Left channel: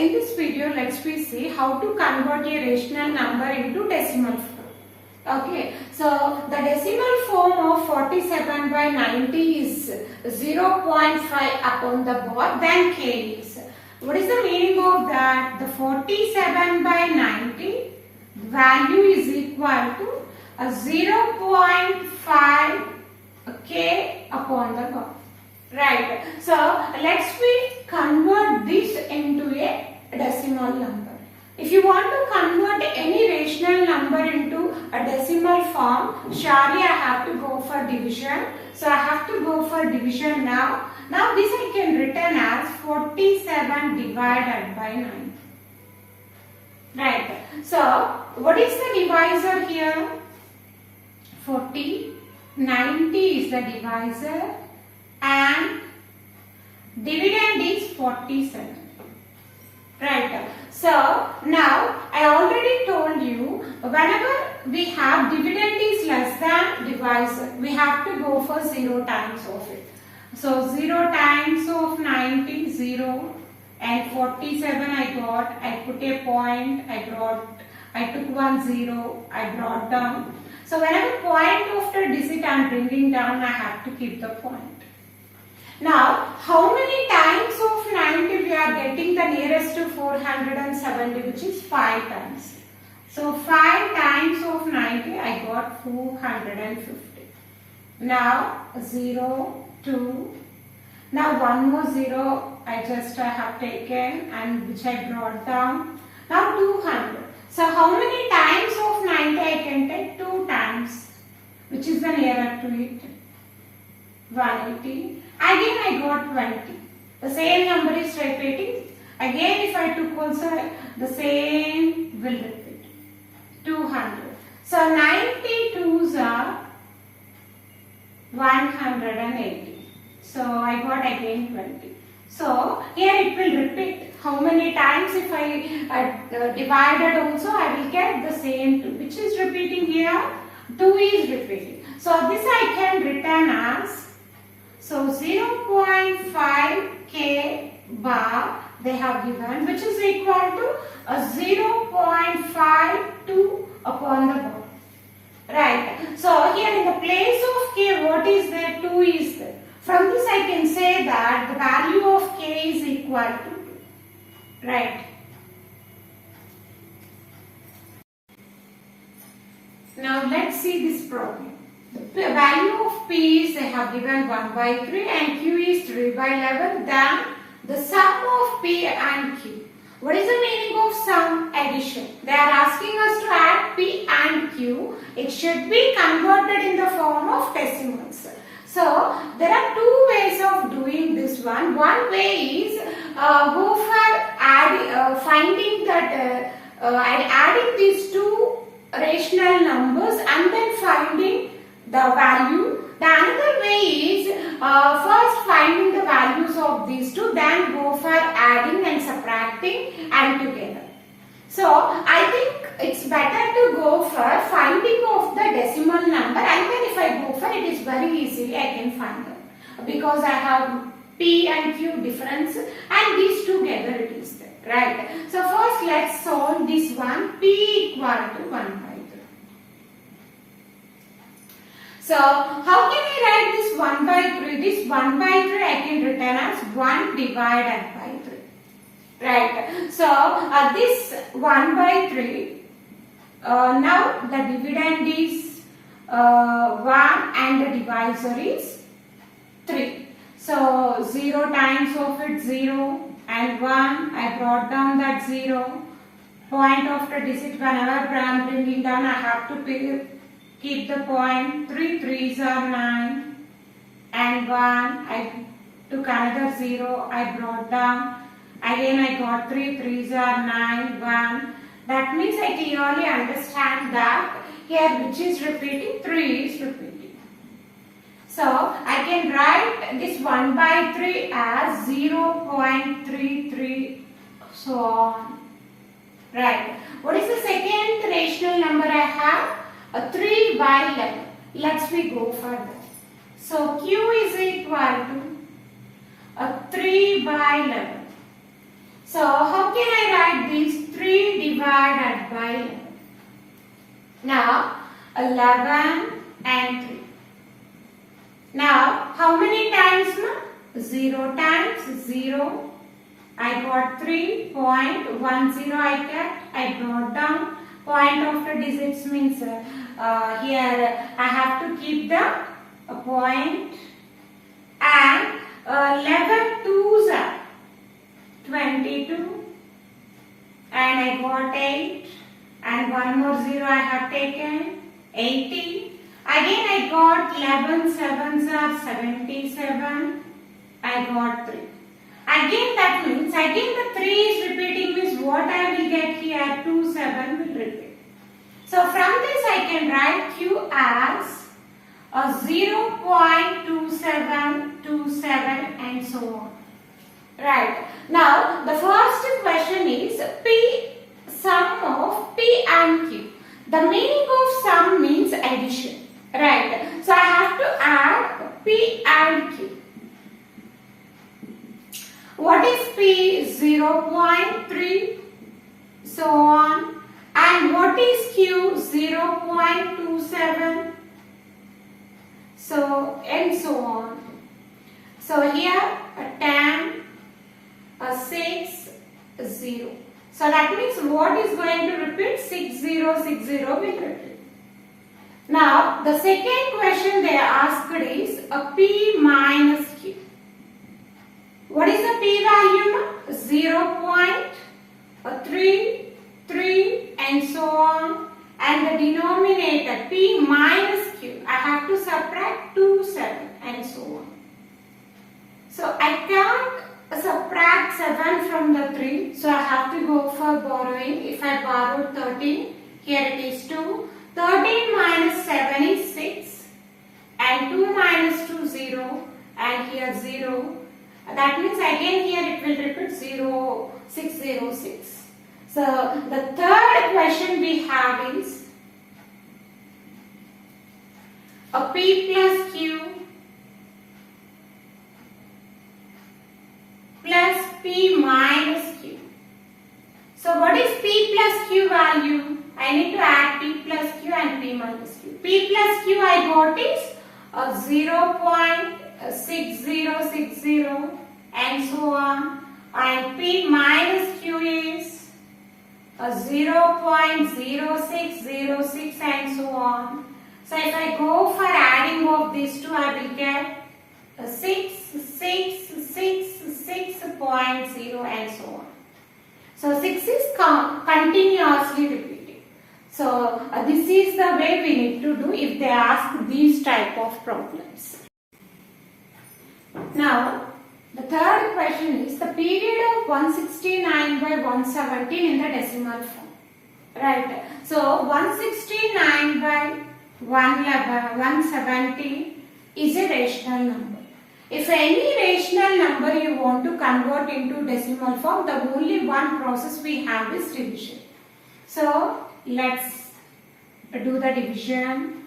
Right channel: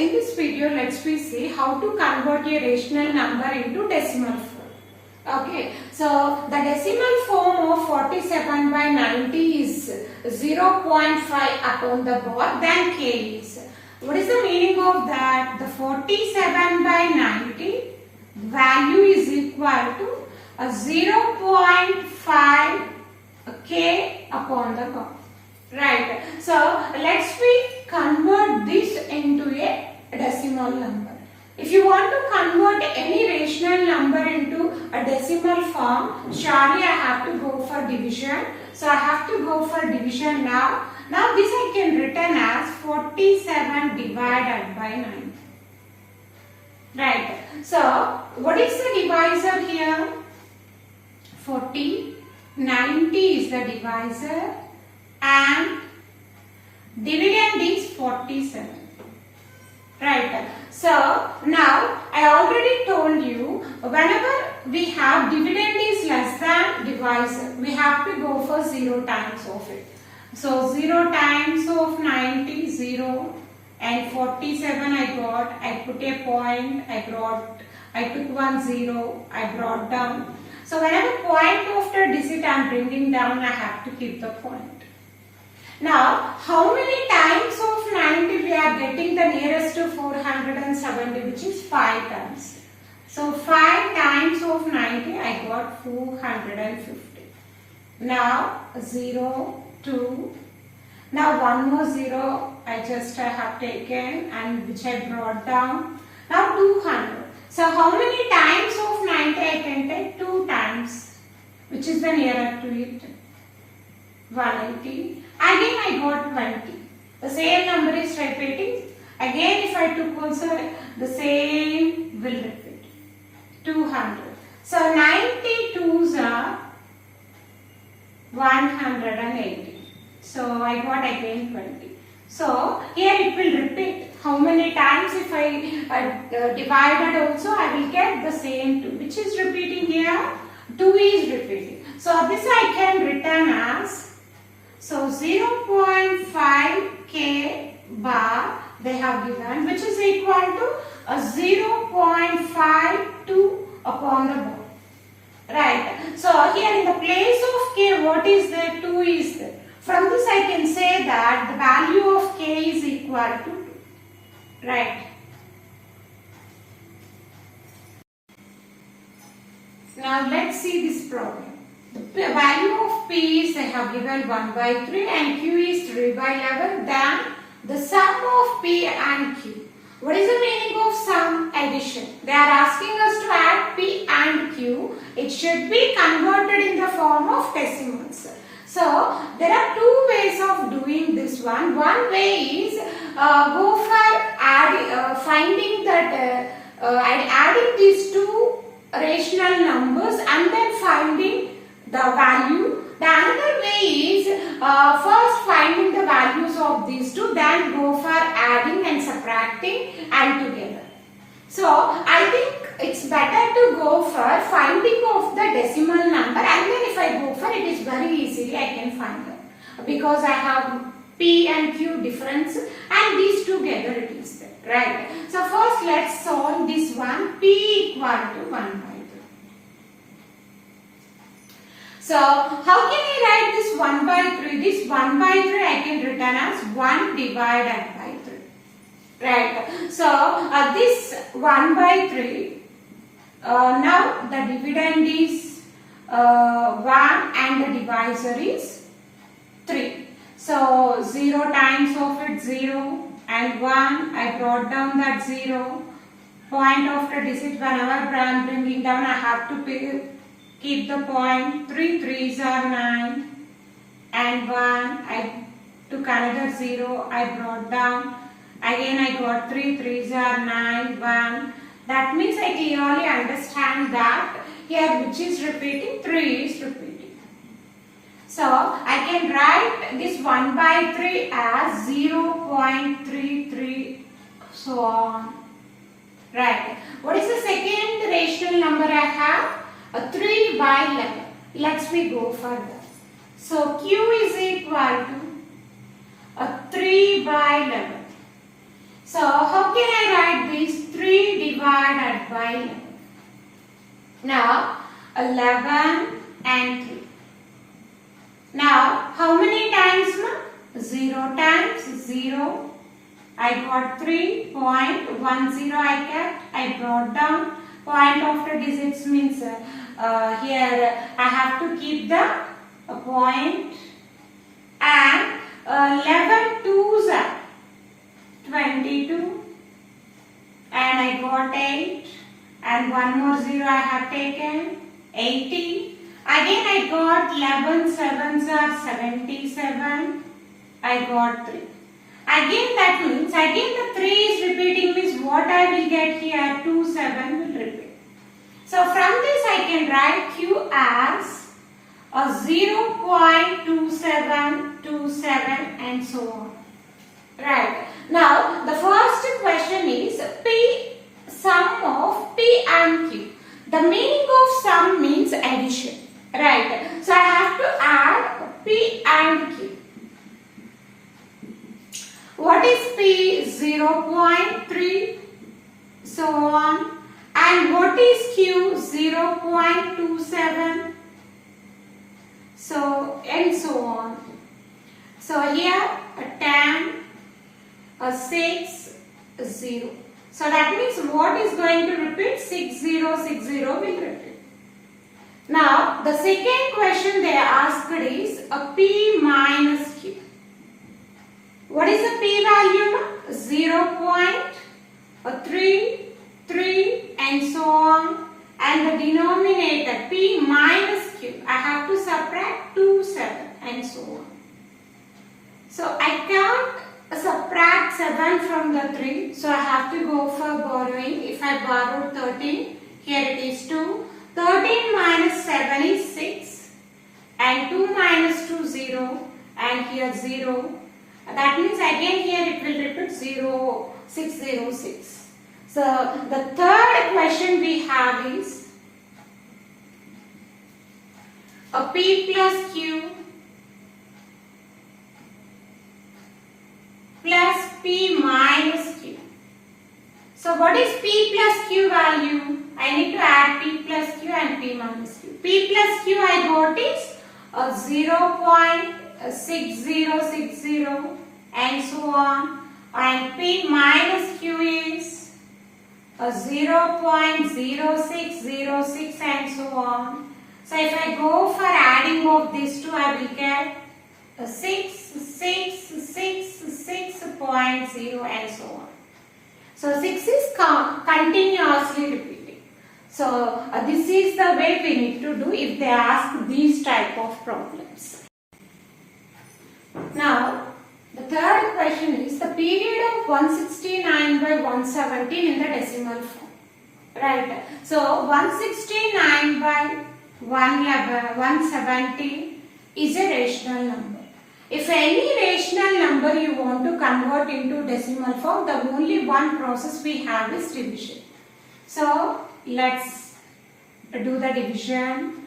in this video, let's we see how to convert a rational number into decimal form. Okay, so the decimal form of 47 by 90 is 0.5 upon the board, then k is. What is the meaning of that? The 47 by 90 value is equal to a 0.5 k upon the board. Right. So let's we convert this into a decimal number. If you want to convert any rational number into a decimal form, surely I have to go for division. So I have to go for division now. Now this I can written as 47 divided by 90. Right. So what is the divisor here? 40. 90 is the divisor. And dividend is 47. Right. So now I already told you whenever we have dividend is less than divisor, we have to go for 0 times of it. So 0 times of 90, 0, and 47 I got, I put a point, I took 1 0, I brought down. So whenever point after digit I am bringing down, I have to keep the point. Now, how many times of 90 we are getting the nearest to 470, which is 5 times. So 5 times of 90 I got 450. Now 0, 2. Now one more 0 I have taken and which I brought down. Now 200. So how many times of 90 I can take? 2 times. Which is the nearer to it? 180. Again I got 20. The same number is repeating. Again if I took also the same will repeat. 200. So 92s are 180. So I got again 20. So here it will repeat. How many times if I divided also I will get the same 2. Which is repeating here? 2 is repeating. So this I can written as, so 0.5 k bar they have given, which is equal to a 0.52 upon the board. Right. So here in the place of k, what is there? 2 is there. From this I can say that the value of k is equal to 2. Right. Now let's see this problem. The value of p is they have given 1 by 3 and q is 3 by 11. Then the sum of p and q. What is the meaning of sum? Addition. They are asking us to add p and q. It should be converted in the form of decimals. So there are 2 ways of doing this one. One way is go for finding that adding these 2 rational numbers and then finding the value. The another way is first finding the values of these 2, then go for adding and subtracting and together. So I think it's better to go for finding of the decimal number, and then if I go for it is very easily I can find them because I have p and q difference and these together it is there. Right. So first let's solve this one. P equal to 1 by 3. So how can I write this 1 by 3? This 1 by 3 I can written as 1 divided by 3. Right. So this 1 by 3, now the dividend is 1 and the divisor is 3. So 0 times of it 0 and 1, I brought down that 0. Point after digit whenever I am bringing down I have to keep the point. 3 3s are 9 and 1, I took another 0, I brought down. Again I got 3 3s are 9, 1. That means I clearly understand that here which is repeating? 3 is repeating. So I can write this 1 by 3 as 0.33 so on. Right. What is the second rational number I have? A 3 by 11. Let's we go further. So Q is equal to a 3 by 11. So how can I write this? 3 divided by 11. Now 11 and 3. Now how many times? 0 times 0. I got 3.10 I kept. I brought down. Point after digits means here I have to keep the point. And 11 twos are 22. And I got 8. And one more 0 I have taken. 80. Again I got 11 sevens are 77. I got 3. Again that means again the 3 is repeating means what I will get here 2 7 will repeat. So from this I can write Q as a 0.2727 and so on. Right. Now the first question is P sum of P and Q. The meaning of sum means addition. Right. So I have to add P and Q. What is P? 0.3, so on. And what is Q? 0.27, so and so on. So here a 10, a 6, a 0. So that means what is going to repeat? 6060 will repeat. Now the second question they asked is a P minus Q. What is the P value now? 0.33 and so on. And the denominator P minus Q, I have to subtract 2, 7 and so on. So I can't subtract 7 from the 3. So I have to go for borrowing. If I borrow 13, here it is 2. 13 minus 7 is 6. And 2 minus 2, 0. And here 0. That means again here it will repeat 0, 606. So the third question we have is a P plus Q plus P minus Q. So what is P plus Q value? I need to add P plus Q and P minus Q. P plus Q I got is 0.6060 and so on. And P minus Q is 0.0606 and so on. So if I go for adding of these two, I will get 666.0 and so on. So 6 is continuously repeating. So this is the way we need to do if they ask these type of problems. Now the third question is the period of 169 by 117 in the decimal form. Right. So 169 by 170 is a rational number. If any rational number you want to convert into decimal form, the only one process we have is division. So let's do the division.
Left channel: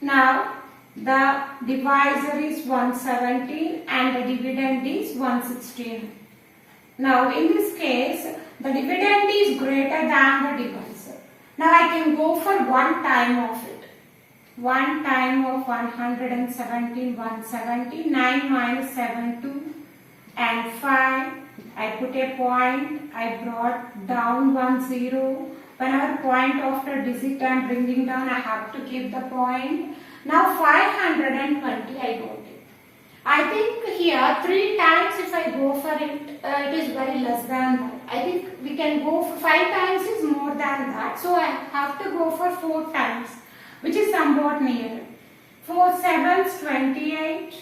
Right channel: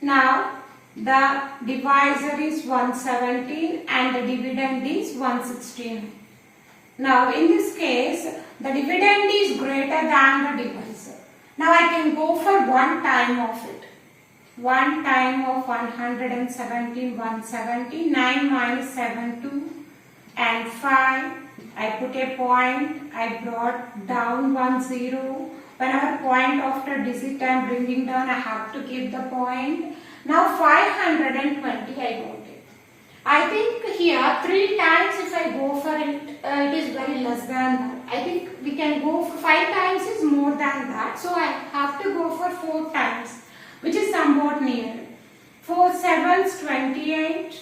Now the divisor is 117 and the dividend is 116. Now in this case, the dividend is greater than the divisor. Now I can go for one time of it. One time of 117, 170, 9 minus 7, 2 and 5. I put a point, I brought down 1 0. Whenever point after digit I am bringing down, I have to keep the point. Now 520 I got it. I think here 3 times if I go for it, it is very less than that. I think we can go for 5 times is more than that. So I have to go for 4 times, which is somewhat near. 4 sevens 28,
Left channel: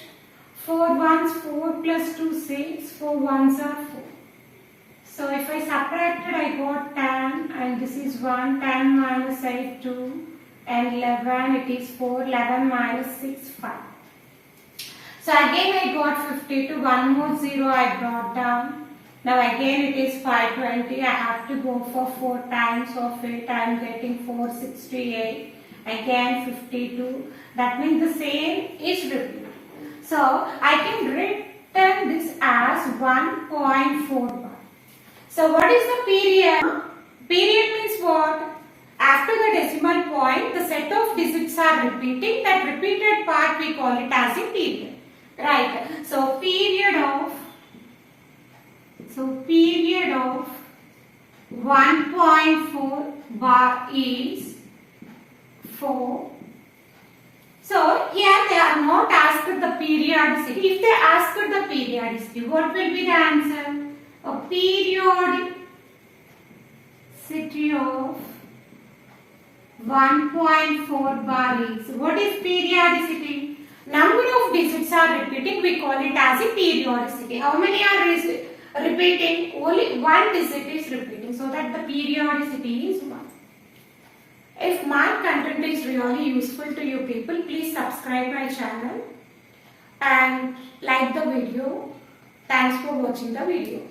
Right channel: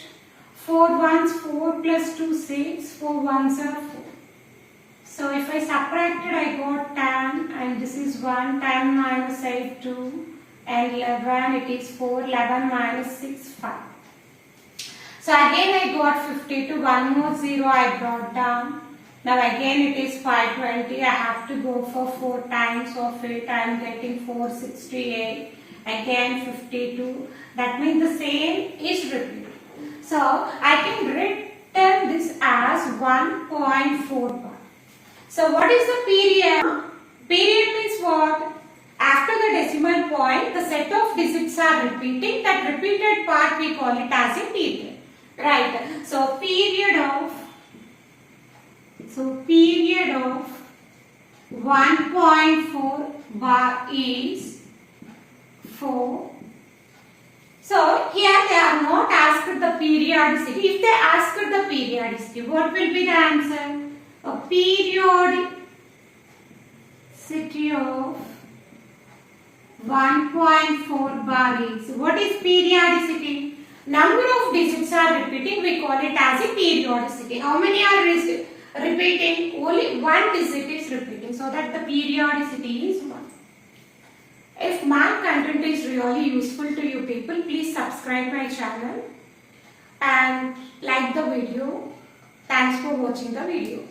4 ones 4 plus 2 6, 4 ones are 4. So if I subtracted, I got 10 and this is 1, 10 minus 8 2 and 11, it is 4, 11 minus 6 5. So again I got 52, 1 more 0 I brought down. Now again it is 520, I have to go for 4 times of it, I am getting 468, again 52, that means the same is repeated. So I can written this as 1.4 bar. So what is the period? Period means what? After the decimal point, the set of digits are repeating. That repeated part we call it as a period. Right. So period of 1.4 bar is 4. So here they are not asked the periodicity. If they asked the periodicity, what will be the answer? A periodicity of 1.4 bar is, what is periodicity? Number of digits are repeating, we call it as a periodicity. How many are repeating? Only one digit is repeating, so that the periodicity is 1. If math content is really useful to you people, please subscribe my channel and like the video. Thanks for watching the video.